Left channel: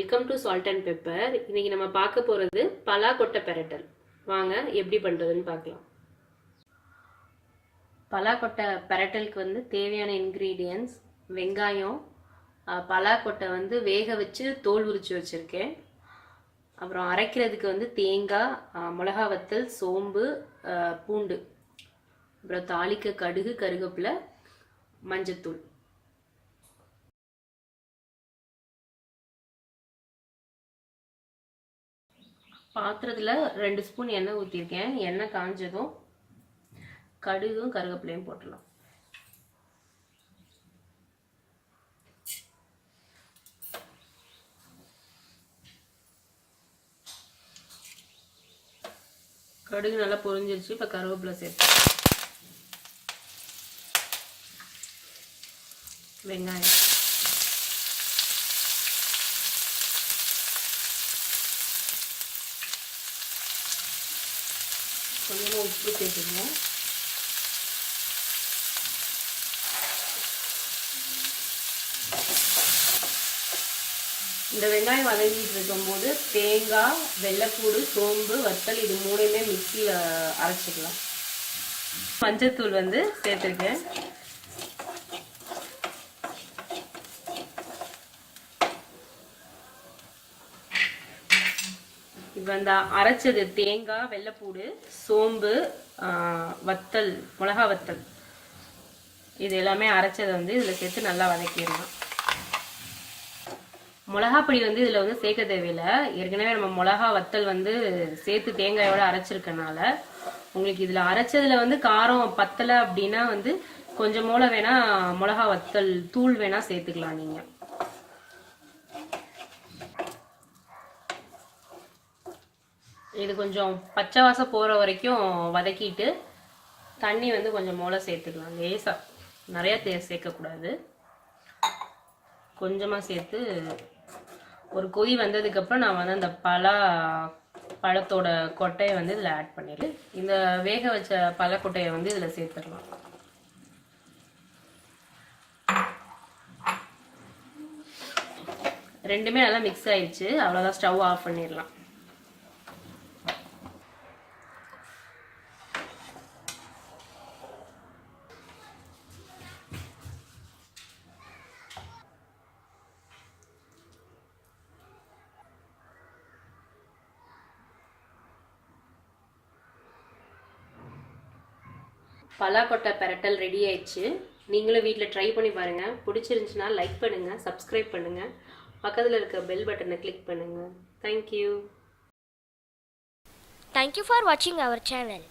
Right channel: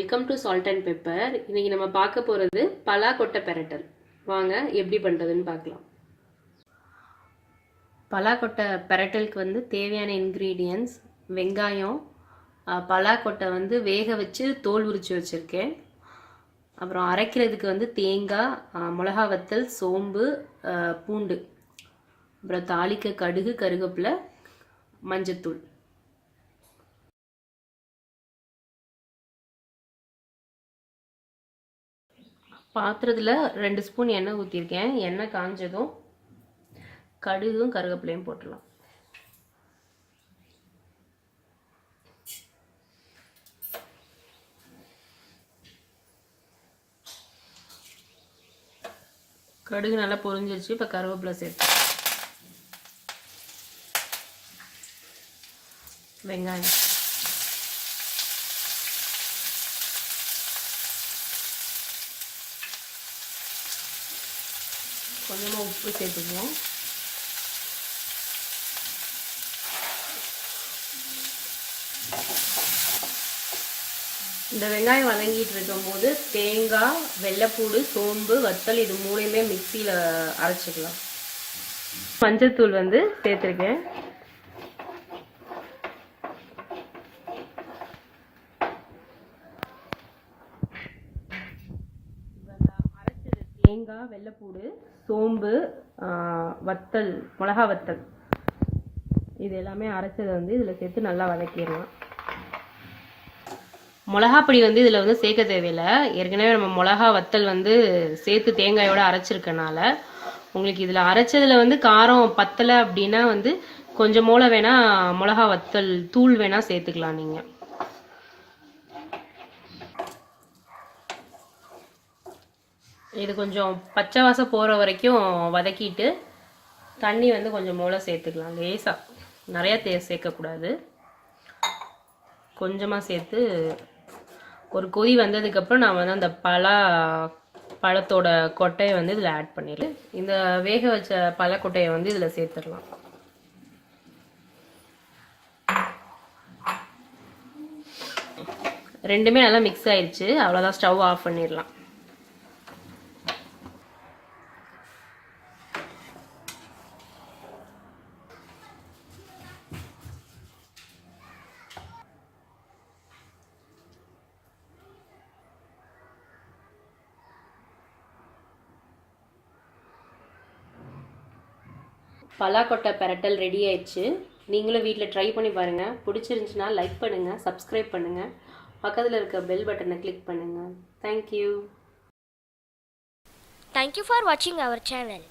Welcome to salt and pepper. இன்னைக்கு நம்ம பார்க்க போகிறது பலாக்கொட்டை பெரட்டல். வாங்க எப்படி பண்ணுறதுன்னு பார்க்கலாம். பலாக்கொட்டை பெரட்டலுக்கு தேவையான இன்க்ரீடியன்ஸ் வெங்காயம், பலாக்கொட்டை வேக வச்சு தோல் உரிச்சு வச்சுருக்கேன். அப்புறம் அரைக்கிறதுக்கு தேங்காய், மிளகா வத்தல், சோம்பு, பூண்டு, அப்புறம் தாளிக்க கடுகு, கருவேப்பிலை, மஞ்சத்தூள். பாத்திரத்தில் 2 ஸ்பூன் எண்ணெய் ஊற்றிருக்கேன். எண்ணெய் காஞ்சதும் கடுகும் கருவேப்பிலையும் போட்டுடலாம். கடுகு நல்லா பொரிஞ்சிருச்சு. இப்போ கருவேப்பிலை சேர்த்து வெங்காயம், கொஞ்சமாக உப்பு சேர்த்துக்கலாம். இந்த வெங்காயம் வதங்கிட்டு இருக்கும்போது தேங்காய், வெள்ளைப்பூடு, சோம்பு, வத்தல் இது மூணையுமே மிக்சியில் அரைச்சிக்கலாம். மஞ்சத்தூள் சேர்த்துருக்கேன். இப்போ இந்த அரைச்சது தேங்காய், வெள்ளைப்பூடு, சோம்பு, வத்தல், மிளகா வத்தல் இது எல்லாமே அரைச்சதை இதில் சேர்த்து நல்லா வதக்கிடணும். மிளகாப்பொடி இதில் சேர்க்க தேவையில்லை. ஏற்கனவே நம்ம மிளகா வத்தல் சேர்த்து தேங்காயோட அரைச்சிருக்கனால உங்களுக்கு இதில் அரைச்சதில் காரம் பத்தலை அப்படின்னா கொஞ்சம் மூளை வேணால் மிளகா வத்தல் தூள் வேணால் சேர்த்துக்கலாம் நீங்கள். இது கொஞ்சம் பச்சை வாசம் போகிற வரைக்கும் வதக்கிட்டு தண்ணி கொஞ்சம் மூளை சேர்த்துக்கலாம். லேசாக, நிறையா சேர்க்கக்கூடாது. கொஞ்சமாக சேர்த்து ஒரு கொதி வந்ததுக்கப்புறம் நான் அந்த பழத்தோட கொட்டையை இதில் ஆட் பண்ணிடுறேன். இந்த வேக வச்ச பழக்கொட்டையை இதில் சேர்த்துடலாம். ரெண்டுமே நல்லா மிக்ஸ் ஆயிடுச்சு. அவ்வளோதான், ஸ்டவ் ஆஃப் பண்ணிடலாம். பலாக்கொட்டை பெரட்டல் ரெடி ஆயிடுச்சு. நீங்களும் வீட்டில் ட்ரை பண்ணி பாருங்கள். பிடிச்சிருந்துச்சுன்னா லைக் பண்ணுங்கள், சப்ஸ்கிரைப் பண்ணுங்கள், பக்கத்தில் இருக்க பெல் பட்டனை கிளிக் பண்ணுங்கள். Thank you. Thank you for watching our channel.